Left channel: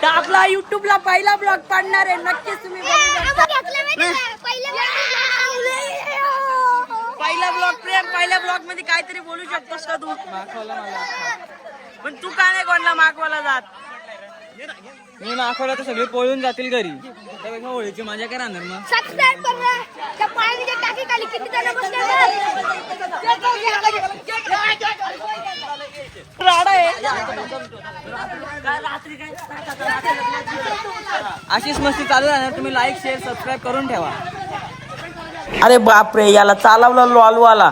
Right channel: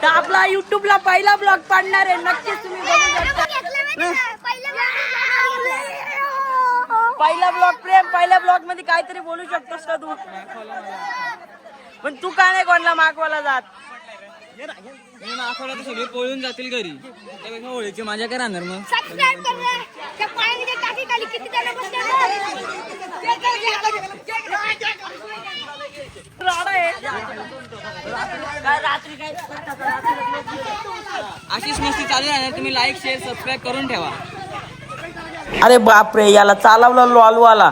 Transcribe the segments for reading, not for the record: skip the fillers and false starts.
तर आपला युट्यूबला पहिला ब्लॉग पाडणार आहे, नक्कीच तुम्ही बघू शकता. पहिला ब्लॉग प्रेम, पहिल्या ब्लॉग मध्ये काहीतरी बोलू शकतोस का तू? पण तू का नाही कोणाला मागवायला जात? मी मागवला तर सगळे पळून जातील घरी, त्यापेक्षा होळीची माझ्या काय राहणार मग. अशीच मस्ती चालू राहणार, तुम्ही लाईक शेअर सबस्क्राईब करून ठेवा. अरे बापरे, याला चालवला लॉलवाला.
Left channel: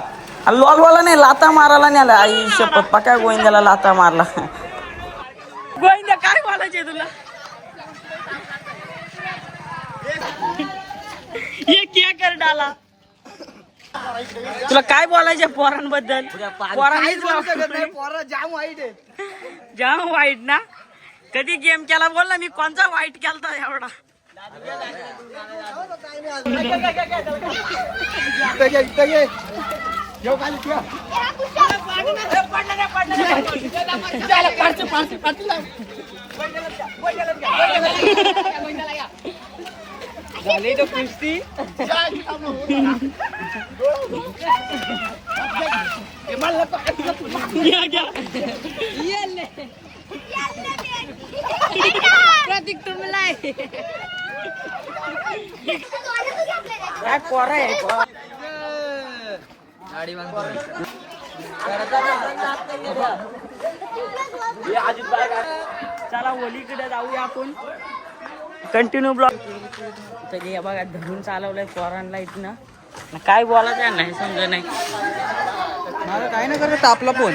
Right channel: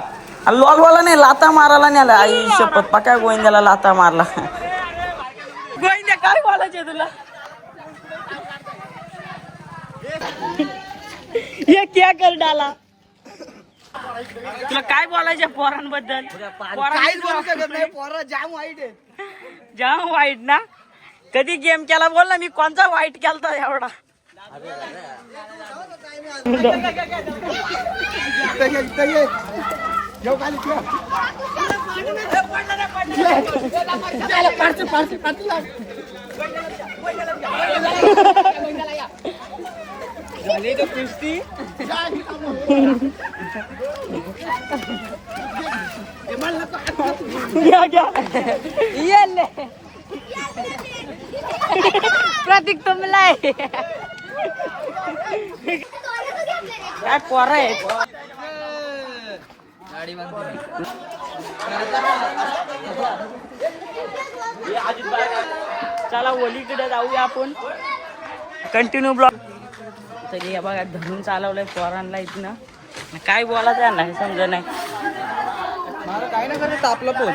लॉलवाला नाही, लाता मारायला नाही आला. आई शपथ, पक्या गोविंद्याला लाता मारला. गोविंद्या काय बोलायचे तुला? ये क्या कर डाला. तुला काय बोलायचे पोरांबद्दल? पोरा जाम वाईट आहे. जाम वाईट ना? कधी गेम केला बोल ना, मी कोणता वाईट केलता एवढा? प्रतीक तुमला काय पोर आहे? चला होलीकडे जाऊया आपण. Continue blog. तरी हे बघा धरून चालवलंय पोरांना इथनं. काय बोलायचं नाही समजा नाही. आपला फोन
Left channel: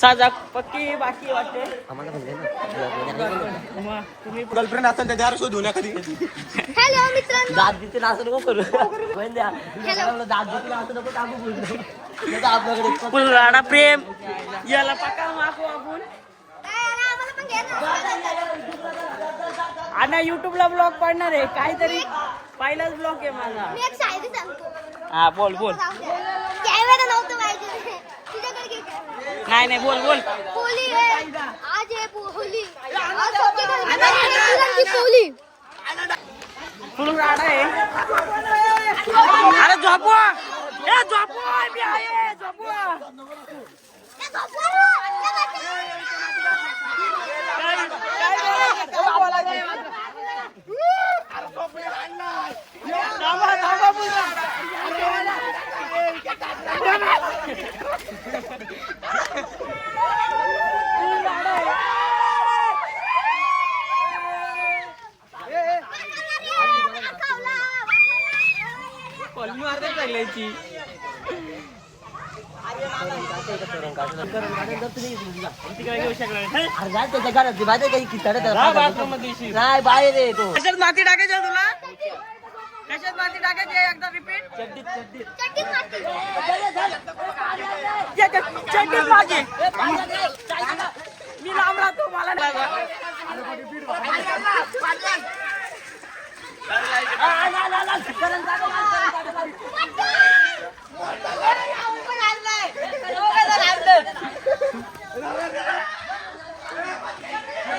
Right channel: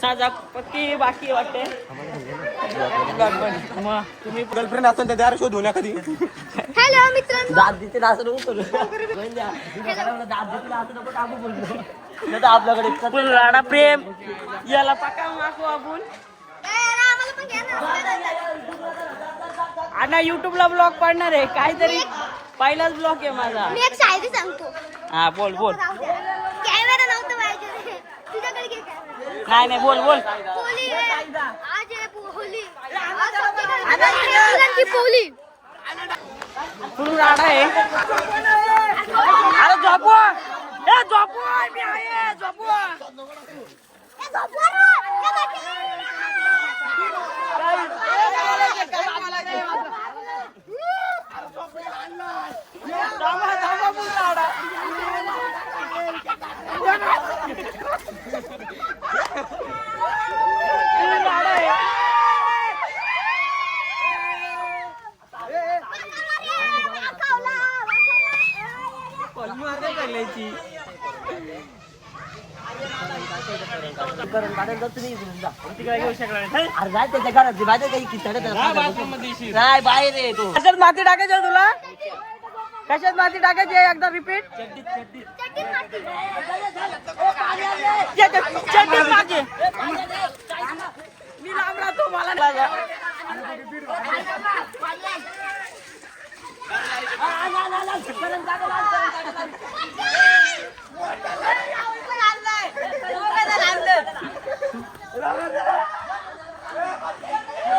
साजा पक्की बाकी वाटते. मग तुम्ही गर्लफ्रेंड असेल तर दार शोधू ना कधी. दाद देते असं नको करू. दाद देते असं नको टाकू बोलतो. आपल्याकडे राडा प्रेम याला पक्का मागू आपण. आणि युट्यूबला ब्लॉग पाडणार आहे काहीतरी. पहिलाच ब्लॉग आहे माझा. मी एक शायरी सांगतो. हा बोल बोल. कॅमेरा नव्हतं पाहिजे तुझ्याकडे घे कॅमेरा. नाही नाही बोल बोल. होली आज आहे होली. आज होली. फुल राडा आहे. अरे झोपवा, ए झोपवा, मी आहे झोपवा. नाही बाहेर आहे तो. कशात माती टाकायची तुला? कशात माती टाकायची? एकदा रिपीट. चड्डीत माझे मी लांब राहतो मला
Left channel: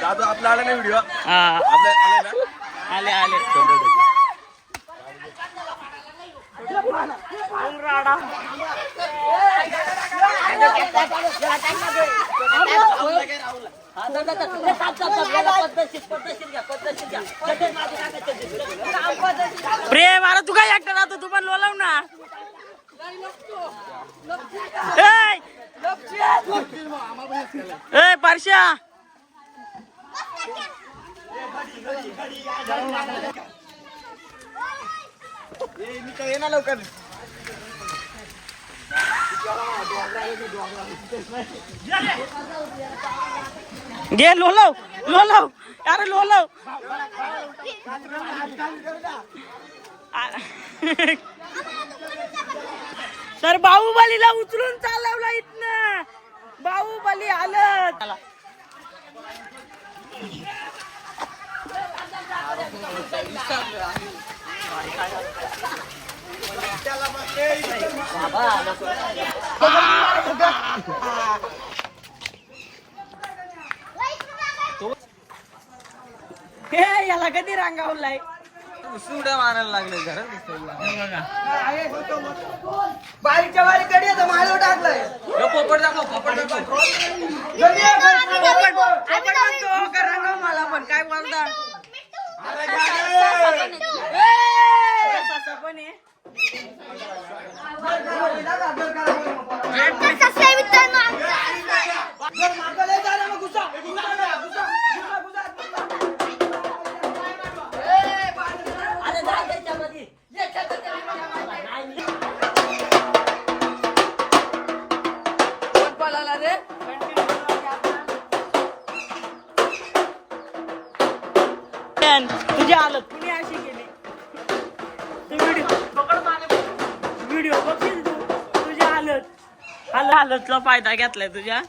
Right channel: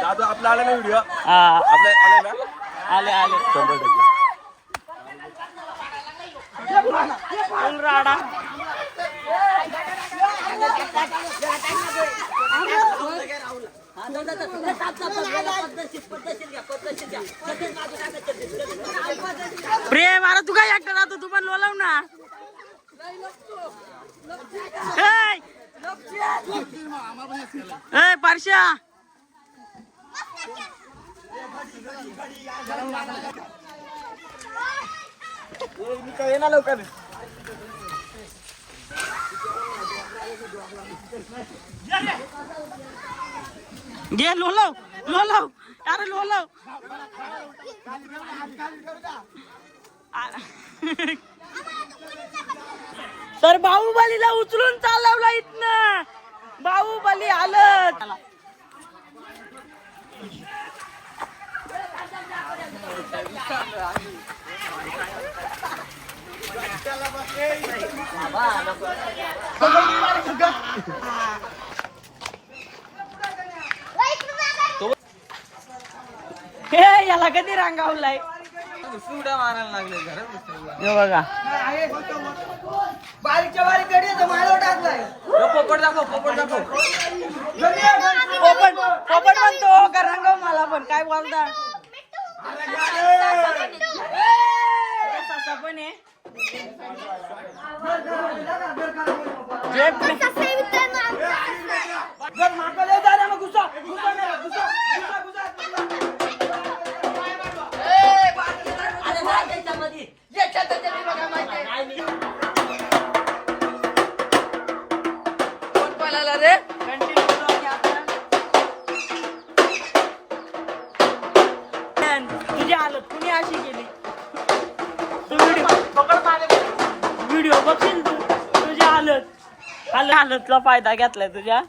दादू आपला आला ना व्हिडिओ. आले आले राडा. प्रेम अरे तू काय एकटा राहतो? तू पण लोलाव ना. ए पारश्या लवकर. घे लोलव लोलव. अरे लोलव. सर बाहुबलीला उचलून चालवला इथनं. बाहुबली आलं. हे याला कधी रांगावलाय उड्या मारायला लागले घरात हे बघा बारीकच्या बारीक गडी आहे माझ्यावर टाकलाय पोपट दाखव पोपट दाखव पोपट पोपट म्हणतो का रंगव मला पण काय बोलता सासा पण आहे कसं आहे मित्रांनो आमचं तुझी हालत कुणी अशी केली तू व्हिडिओ बघशील तू तुझी हालतला फायदा घेतलाय तुझ्या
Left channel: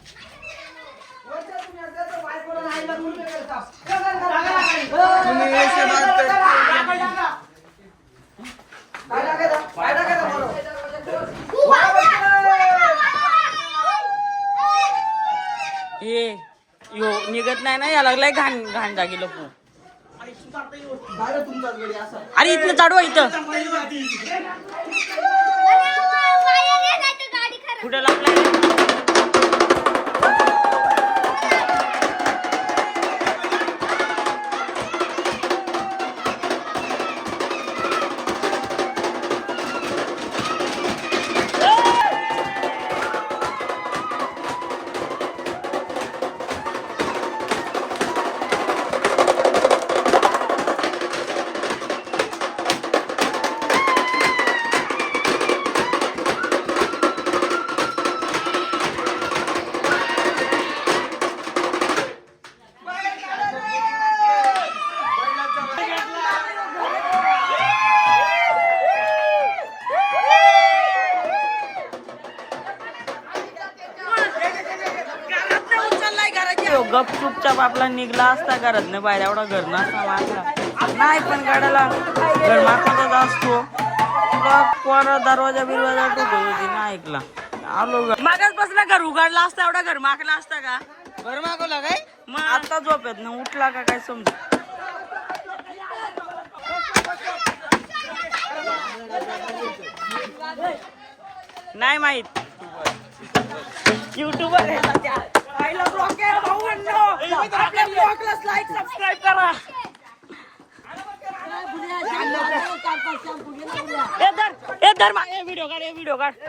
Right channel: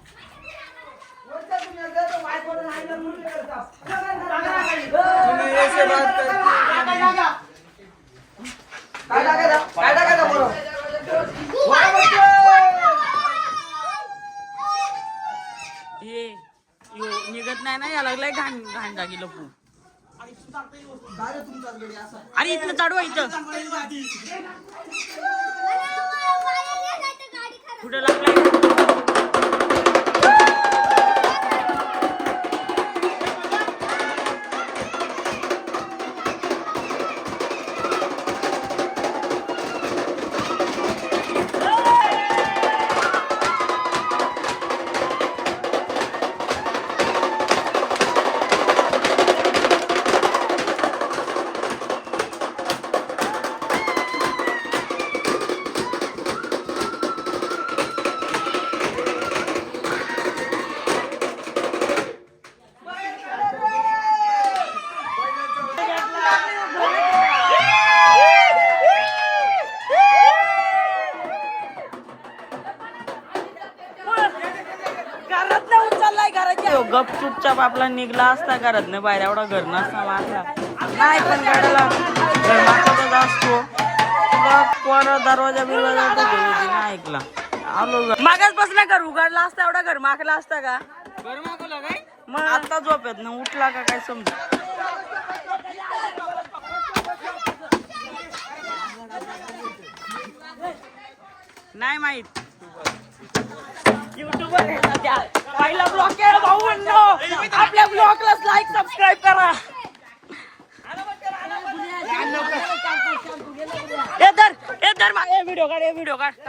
ये यो निघत नाही ना याला लागलाय घाण घाण जागी लपू अरे इथलं चाडवा इथं कुठं लागलाय गप चुपचाप आपला निघला असता घरात नाही बाहेर एवढा घर नसता मागला नाही पण गाड्याला घर मागचाच असतो तुला कोणा दरवाजा बिरवाजा टोकत होती ना ऐकला आलो मागाच बसला घर उघडला असता एवढा घर मागला असता का घर मागवला काय मग आता झोपेत ना उठला का काय समज नाही माहित युट्यूबर आहे सध्या पहिला ब्लॉग आहे भाऊ आपल्या ब्लॉगला लाईक सबस्क्राईब करा ए धर व्हिडिओ काढ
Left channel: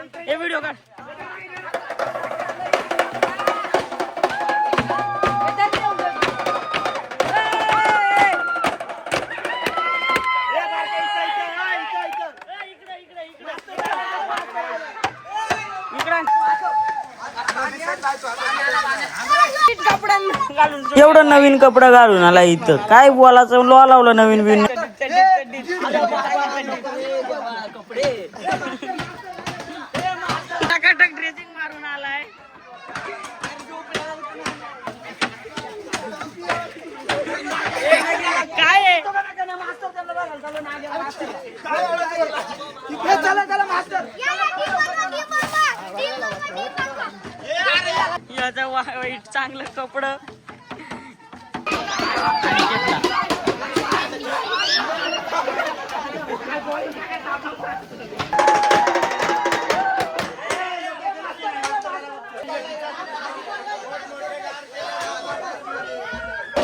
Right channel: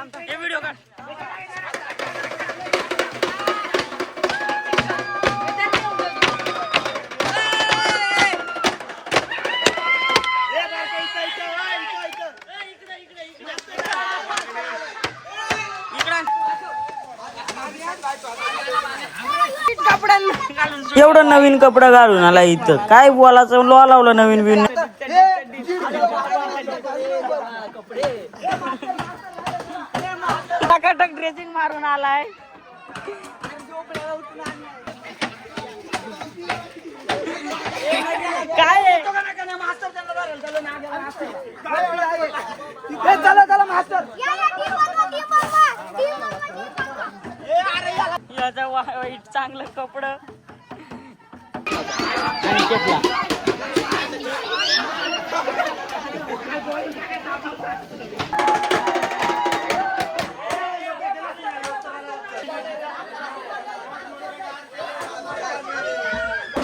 एवढं नवीन कपडा घालून आला इथं काय बोलायचं लॉ लावलं नवीन बिन टकाटक ड्रेसिंग मारून आलाय काय याचा वाईट चांगलं कपडं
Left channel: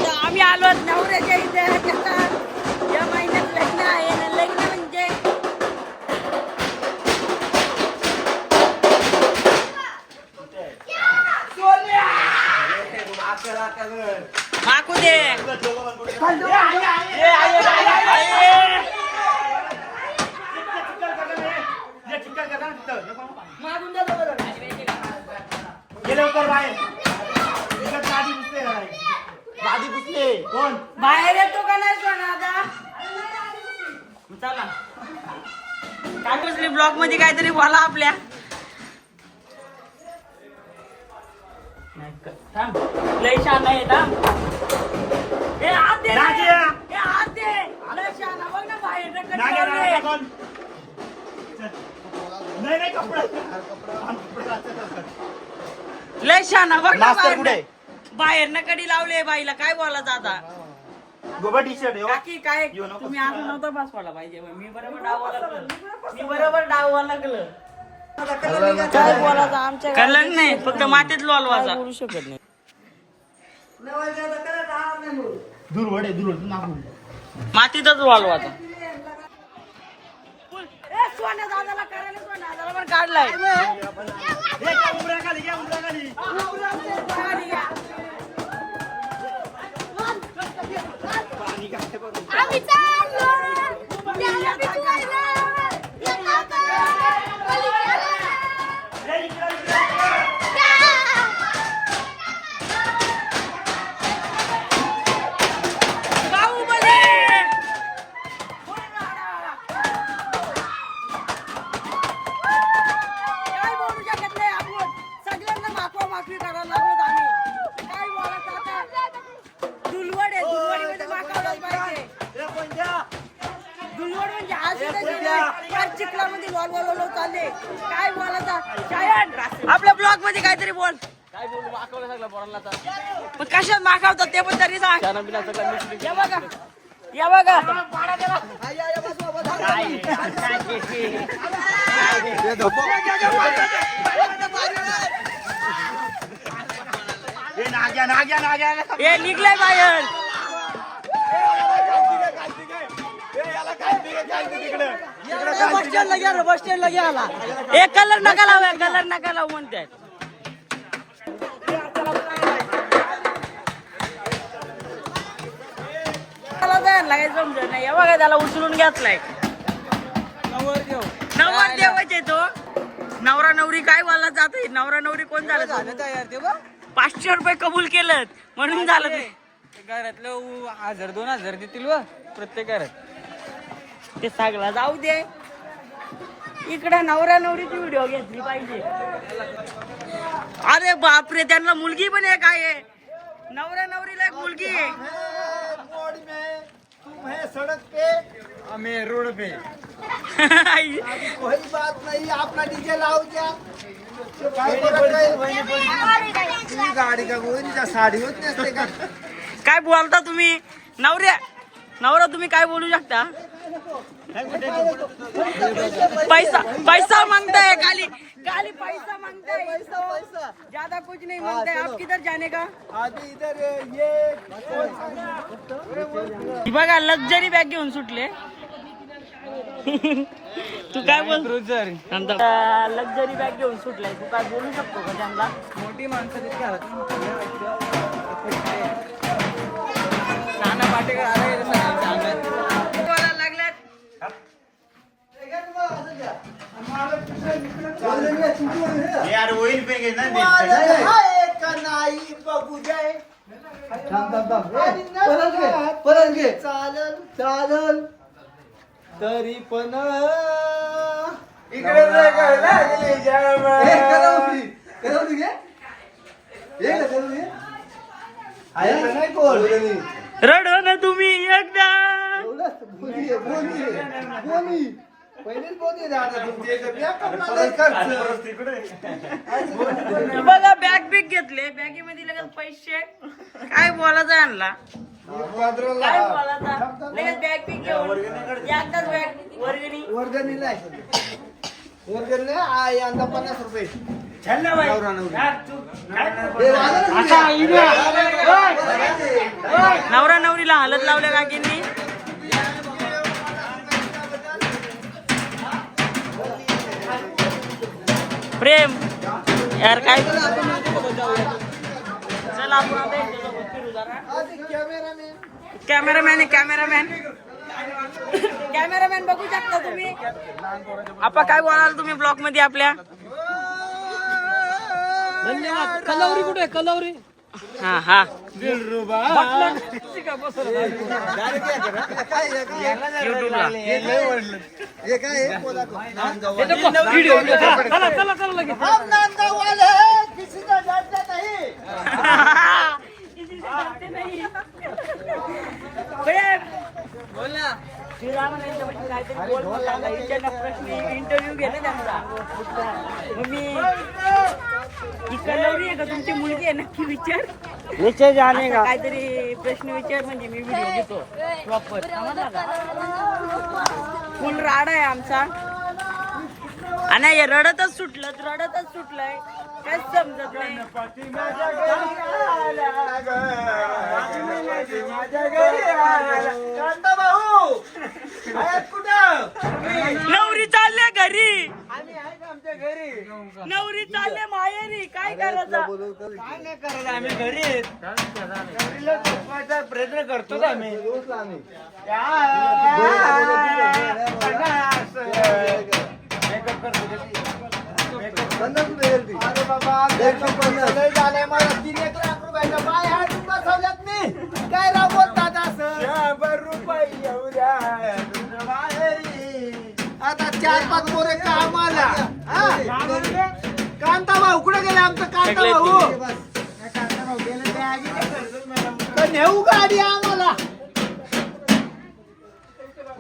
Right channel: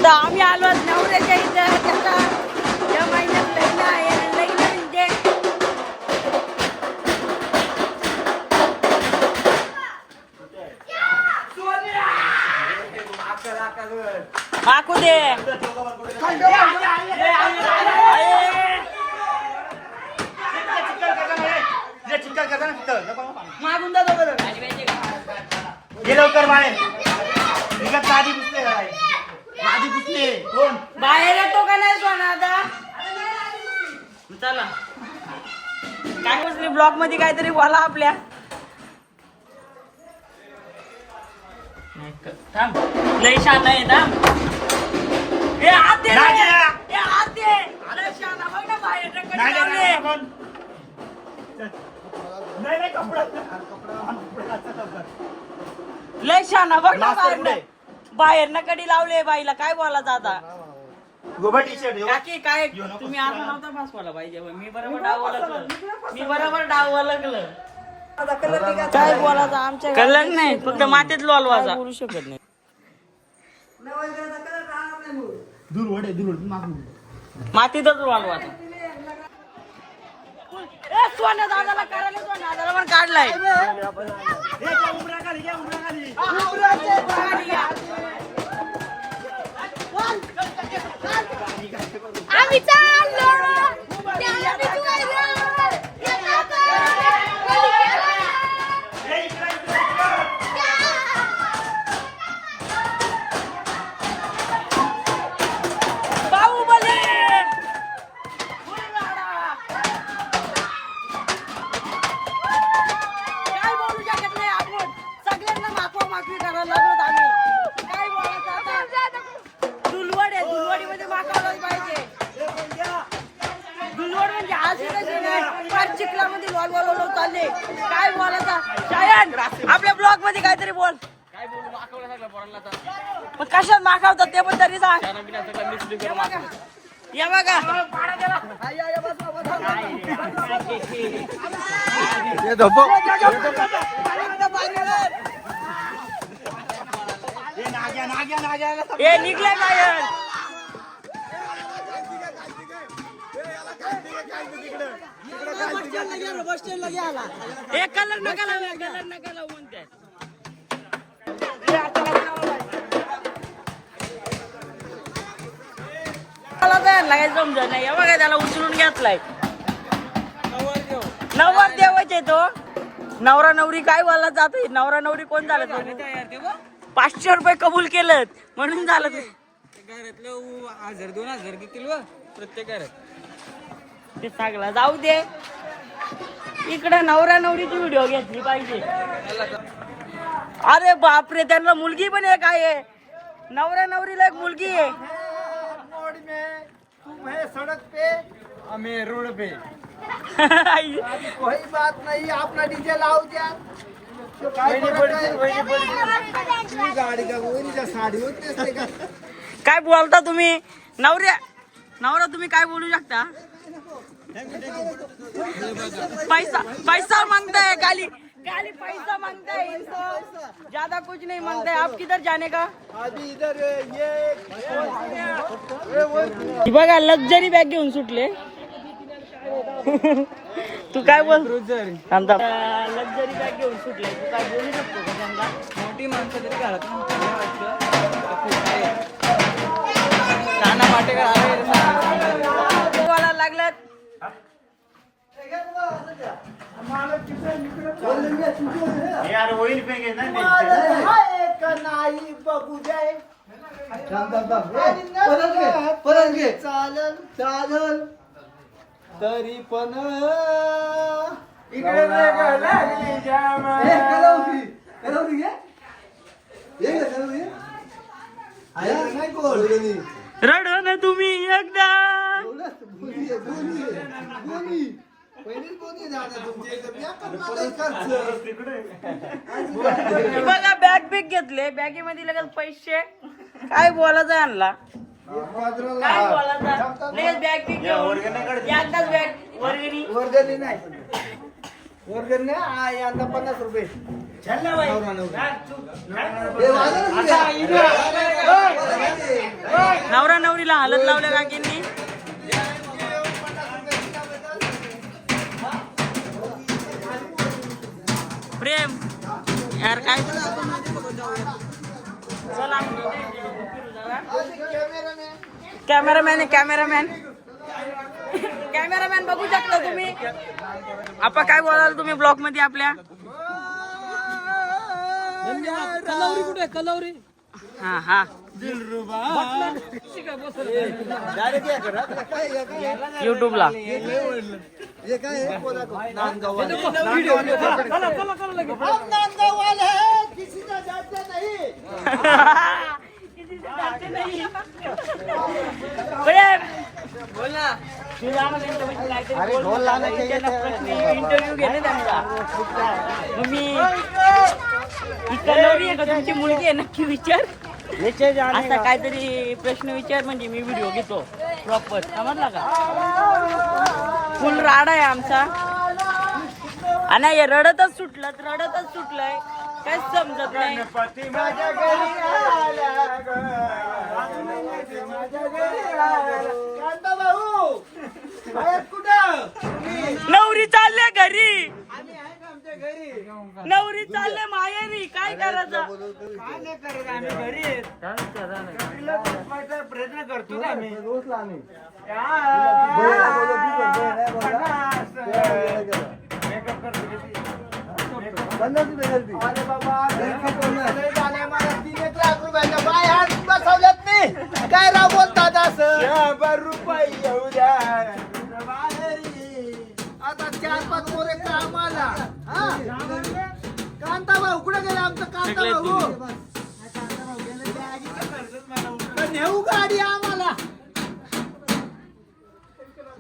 आम्ही आलो नवऱ्याच्या इथं त्याचा या महिन्यात लग्न आहे लग्न म्हणजे हाकू दे बाहेर येतो का नाही सोना आता चला काय कुठली ब्लॉक मध्ये काहीतरी बोला आपल्या लय शांत आहे लय शाना बघ ना बाहेरनं कडी लावले बाईला काय बोलायचं आता काकी काय तुम्ही असं नव्हतं बसवायला पाहिजे मी बरोबर डावं लागलं काय बोलायचं आमच्या कलंक नाही फक्त मातीत लोलवायचा बोलू शकत नाही मातीतच लोलवायचा सोन्या दादाला करायला सोन्या दादाला पण काढलाय आम्ही चाललो. बाहुबली काय बोलू शकत नाही आपण सगळ्यांना माफी करायला लागलो आम्ही काय बोलायचं आता दुलवड आहे दुलवडीमध्ये माकावलाच पाहिजे दुलवड म्हणजे अशी तशी नाही फार चिखलामध्ये लोल चालले काय बोलायचा शायन आपल्या ब्लॉग मध्ये काहीतरी बोल काय बोलू माकवलं सगळं पोरांना आता पण कशात माकावतात ते पण तरी सांग त्यानं बिना सगळं मिक्स या बघा या बघा हे निघलाय बाहेर हे कलर नका लावू म्हणते मला जायला काही समजत नाही हे बघा त्याला उचलून घेतलाय नवर देवायचे तो नवरा नवरी काय बोलला जात नवरा नवरी कोण झालं तो 500 रुपये कबूल केलं म्हणून झालं ते घरातलं 1000-2000 देतील व प्रत्येक घरात ते सगळं जाऊ दे इकडे नवरा नवरीची व्हिडिओ घेतली पाहिजे अरे बापरे त्यांना मुलगी पण एक आहे नवरा नवरीला एक मुलगी आहे तुम है सड़क पे हमें रोड पे कोई बात नहीं अपना डीजे लाओ क्या काय तुम्ही गाडी का वहिनीच्या साडी होत नसते का काय बोलता तुम्ही नवरा तुम्ही काय बोलू शकता पैसा मांगताय खाली पैसा मांगताय ज्यादा कुछ नहीं मांगता है आप किधर जाने का अभी इधर ये बघा लक्झरी बॅग घेऊन सुटले तू काय बोल लक्झरी बॅग घेऊन सुटलाय तू काय बोलू शकतो का त्यांना मोठी माणसं तरी घरातून हाकललं व्हायचं नाना पाटेकर आले रे बोलायला लागल्यात यार होईल पे ना नाही बघू जाय चालल चालल तरी पण इकडे रड ना तुम्ही एकदा बघा बॅग बिग घेतले बॅगेमध्ये लगेच पैसे काय बोलायचं आणला काय बोलायचा लगेच बॅग बिग घेऊन एकदाच बॅग वर्गणी वर्गणी नाही यंदा 50 रुपये नवरा नवरीला हालत लावल्या काकींनी प्रेम यार काय चल आपण कॅमेरामॅन बघू शकता तुम्ही आपण काय बोलाल तुम्ही ब्लॉग मध्ये आपल्या धन्यवाद कलावरी कुठे कलावरी हा युट्यूबला बोल ना ते जा ना त्यांच्यापाशी काहीतरी बोल म्हणला त्यांना प्रश्न इंटरव्ह्यू घे ना त्यांचा मग मी ही कलवरी आहे का तुमची मुलगी आहे नक्की विचार असा काहीतरी प्रश्न विचार म्हणजे मी व्हिडिओ घेतो प्रॉपर समजला का फुल राडा आहे आमचा आणि हे रडतच सुटलंय काहीच समजत नाही नवरी चालले घरी नवरी चालले माहेरी काय करायचं काय नाही करत आम्ही घरी प्रयत्न करतो आम्ही अरे बाबा झालंय मला 3-1 लाख रुपयाचा बाय हा तुमचा सवलत नाही काय राव बोलतात असं 100 रुपये येऊ द्या तुझं बाहेरी आता 4-5 पोरे कामाला कांता भाऊ कुठे गेले आमचं कांता भाऊ गेले तर नेऊ गाडी आम्हाला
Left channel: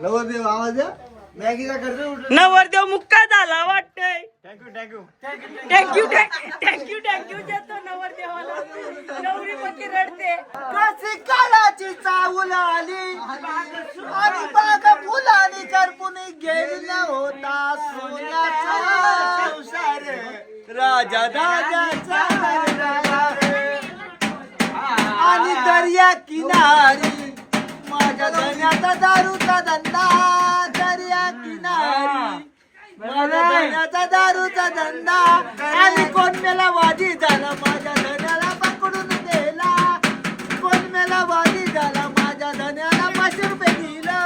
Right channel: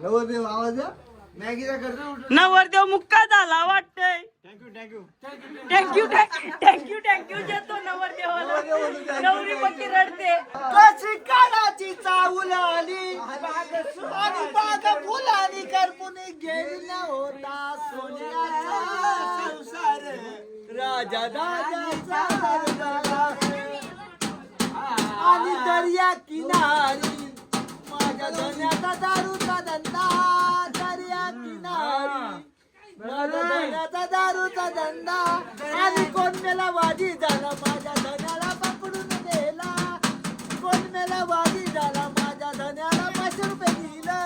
नवरदेव आवाज द्या मॅगीचा खर्च नवरदेव मुक्का झाला वाटतंय थँक्यू देतो नवरदेवाला नवरी पक्की रडते कशी काळाची चावल आली आणि बागा फुलानी करपून गेली न होता सोन्याचा संसार राजा राजाचा आणि दर्या किनारी माझ्या धन्याचा दारूचा धंदा दर्या किनारी माझ्या धन्याचा दारूचा धंदा आणि कोण मेला वादी झाला माझ्या धन्याला पकडून नेला कोण मेला वादी झाला माझ्या धन्याला 500 रुपये दिलं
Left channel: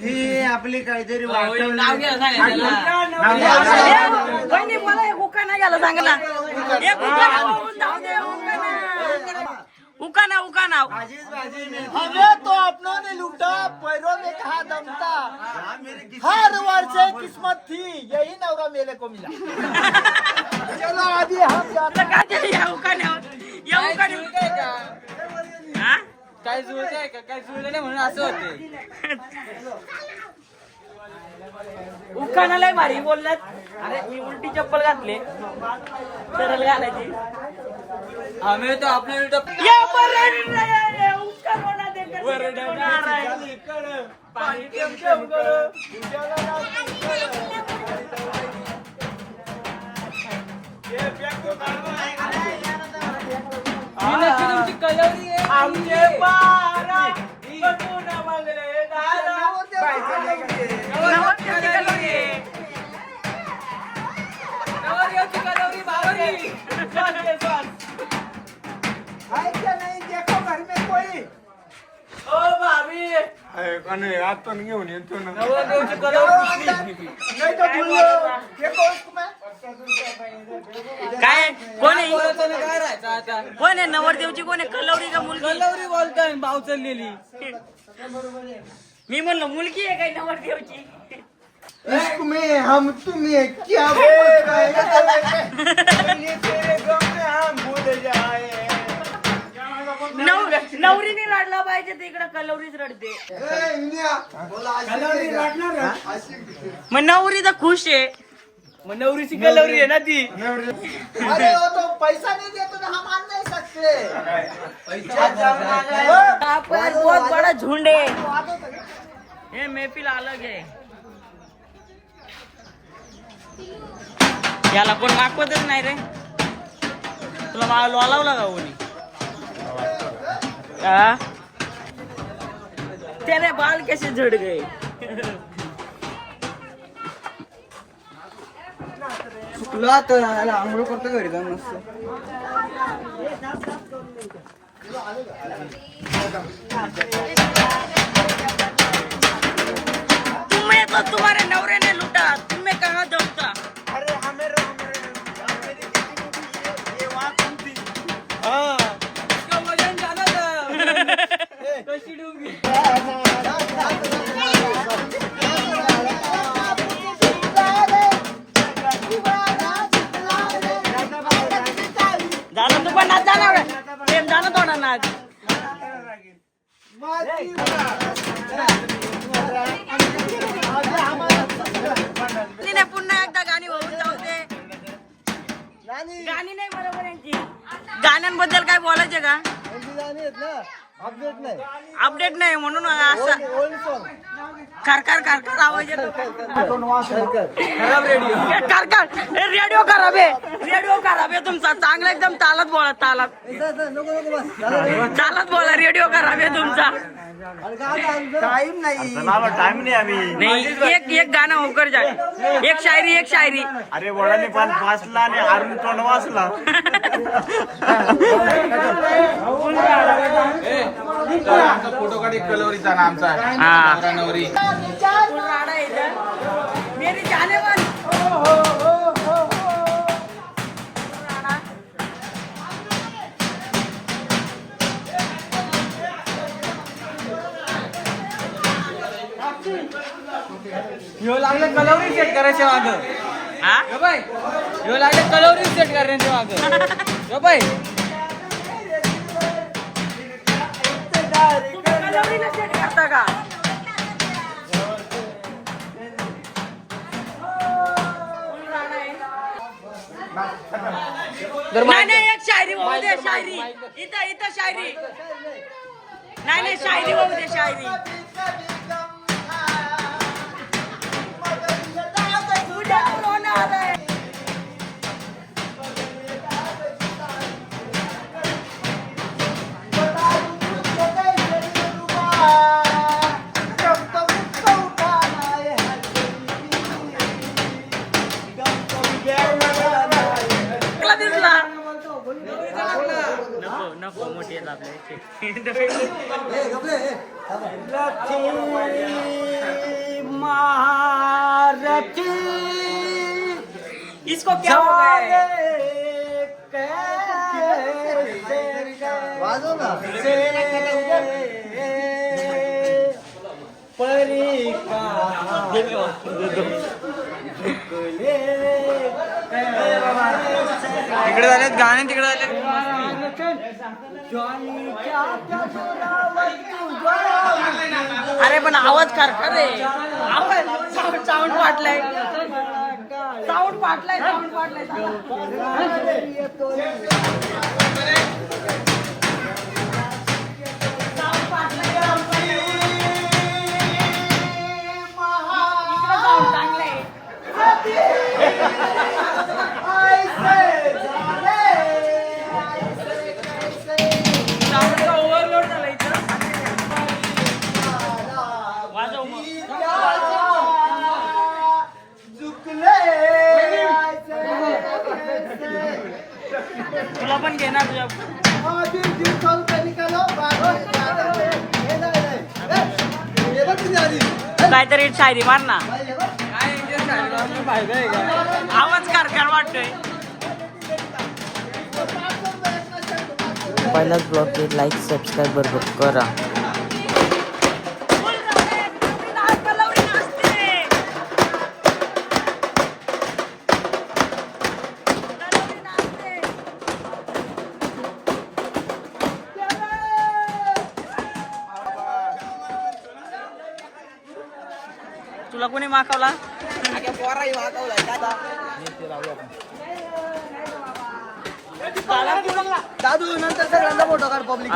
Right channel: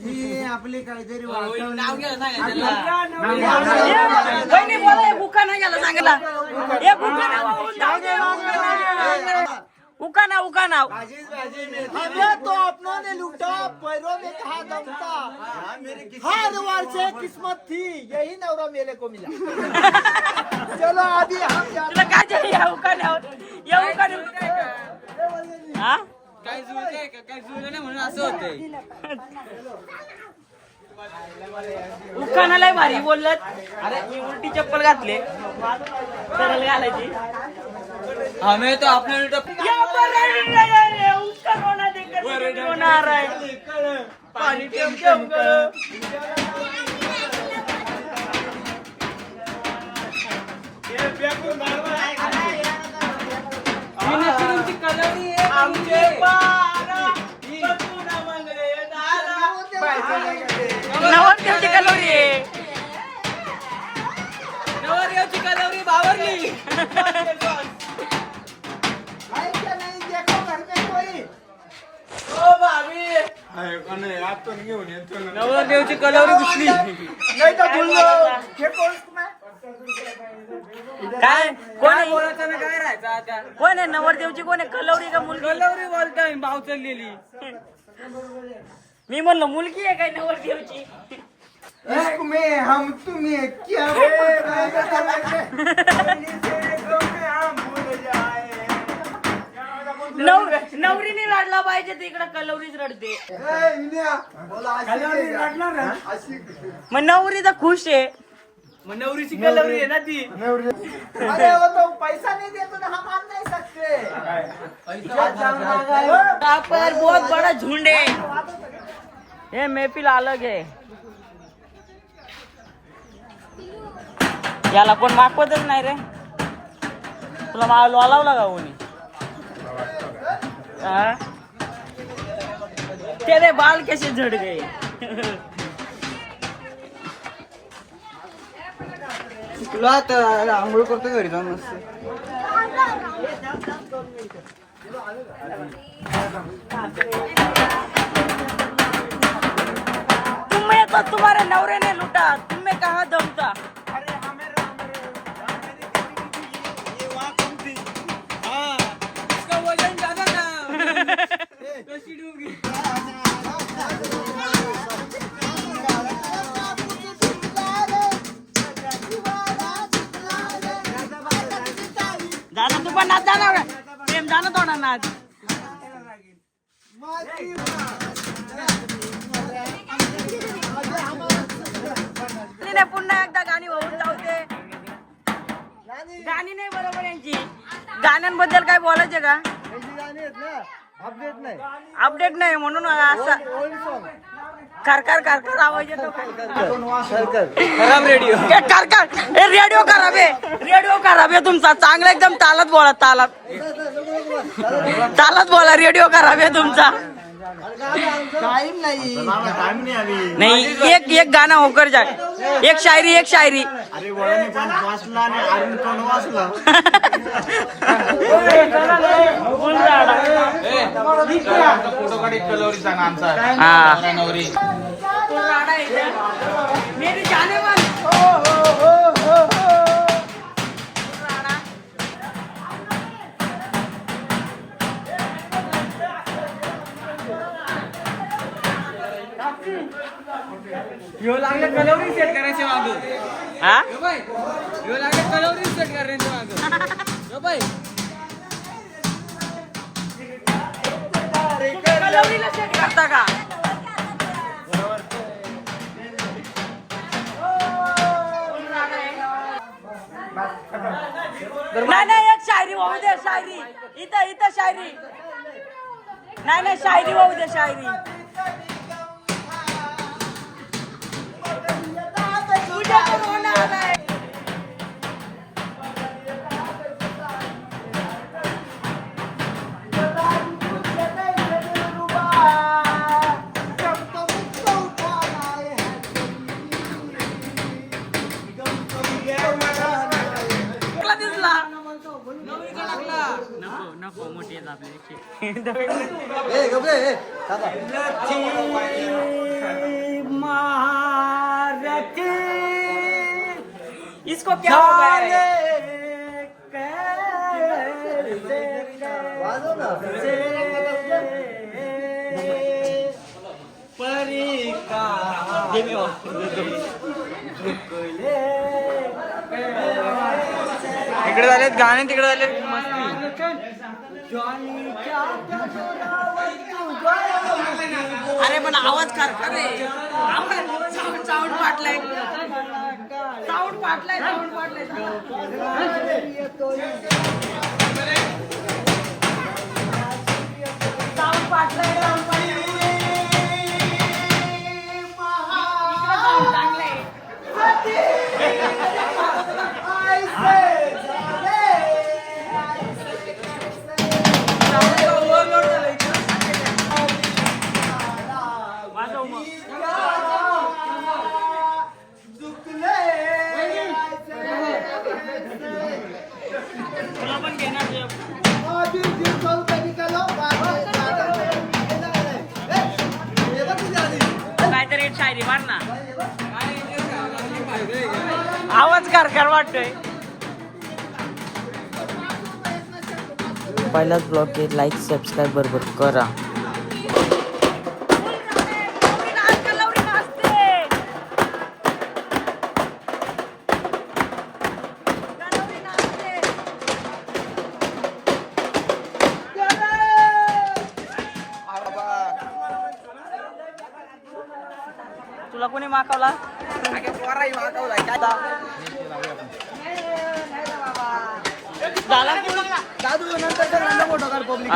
ही आपली काहीतरी बहिणी बोला एक उका नाही गेला चांगला एक उका नाव जाऊ दे उका नाव हमें तो अपनों ने लूटा पैरों में कहा दमता हर वर्ष किस्मत थी यही नवरा मेरे को मिला चलो अभी हम तुला काय झालं या उकाने हा काय जुळतंय का काय जुळलं नाही म्हणून असं होते उखाना लय भारी बोललात अरे मी उलटी चप्पल घातले सरळ घालायची हमें तो अपने उल्टा या पर उसका रोना देखकर रोना आ रहा है पानी ही नक्की तुमची कलवरी आहे नवरदेवची कलोरी आहे नवरदेवची कलवरी बावरली है क्या नहीं देखो घर में कोई ओ भाभी नवरदेवची कलवरी दिसली नहीं तो बोलो देखो उसको मैं काय कोण काय आहे बोलायचं ना काय राहायचं आता कोण आहे नवरदेवची कोण आहे कलवरी का मुलगी कलवरी बोलताय भाव चाललेली मी म्हणलं मुलगी आहे काय नवरदेवची इश्क में हम तुम्हें क्या भूल गए नवरीने रडला पाहिजे तर इकडे कलवरीच रडते मग नवरी तर खुश आहे मग नवरीची कलवरी आहे ना ती अरे वो तो पैसा नहीं देते तो हम मान नहीं सकते यहाँ पर बहुत बड़ा झुंड है ये महफिल अलग है याला कोण मागवतच नाही रे तुला लावला का कोणी हाँ? तेरे बाल कैसे झड़ गए तुला तर आंघोळ करतो घरी जाऊन मस्त तुम्हें तो तुम्हारे नवरे ने लूटा तुम्हें कहाँ दम था अरे हमें मेरी ये वहाँ कम थी इसका वजन जाना था कशी डूबगी जाना तू पण नाच जाणार प्रेम जाना थोडा नाच माझी गाण्यांबद्दल काय बोलायचे का? यांची गाणी आहेत ना अपडेट नाही अपडेट नाही म्हणून असं ओल्ड सॉन्ग कारकार कारकार आवाज येतो. खराब रेडिओ. रेडिओ खराब आहे, रेडिओ खराब आहे तुमचा. चांगला एकदम तालात बोला, तालात तालात बोला. रेडिओ खराब आहे तुमचा. टाइम नाही टाइम नहीं अभी. नाही एक गाणं होकर जाय. एक शायरी. अरे वडाने पण वाचला आणि अरुण पण वाचला. फोटो काढ कलवरीचा नामचा हा नवरी. मेरी जाने मन. ह्यो लागले कलवरी सेट करायचे माग. हा ह्यो लागले कलवरी सेट करायचे माग. बाय कलवरीला check करता का? नाही एक शायरी होऊ दे. शायरी इथं शायरी. नाही शायरी होऊ दे. शायरी उद्या कोरोना आलाय. दिसला नको मोठी आहेत आपल्या. इसको क्या हो गया है? इकडे झालेत गाणे, तिकडे झालेत अरे पण आवाज कर रे. साऊंड फाटलाय. वाजव मग. तुला पण घेणार. काहीतरी एक शायरी मार ना. आवाज कारकार वाटतोय. पहिलाच ब्लॉग लाईक सबस्क्राईब बरोबर करा. तुला कोणी मागवला? झाला फोटो काढ पब्लिक.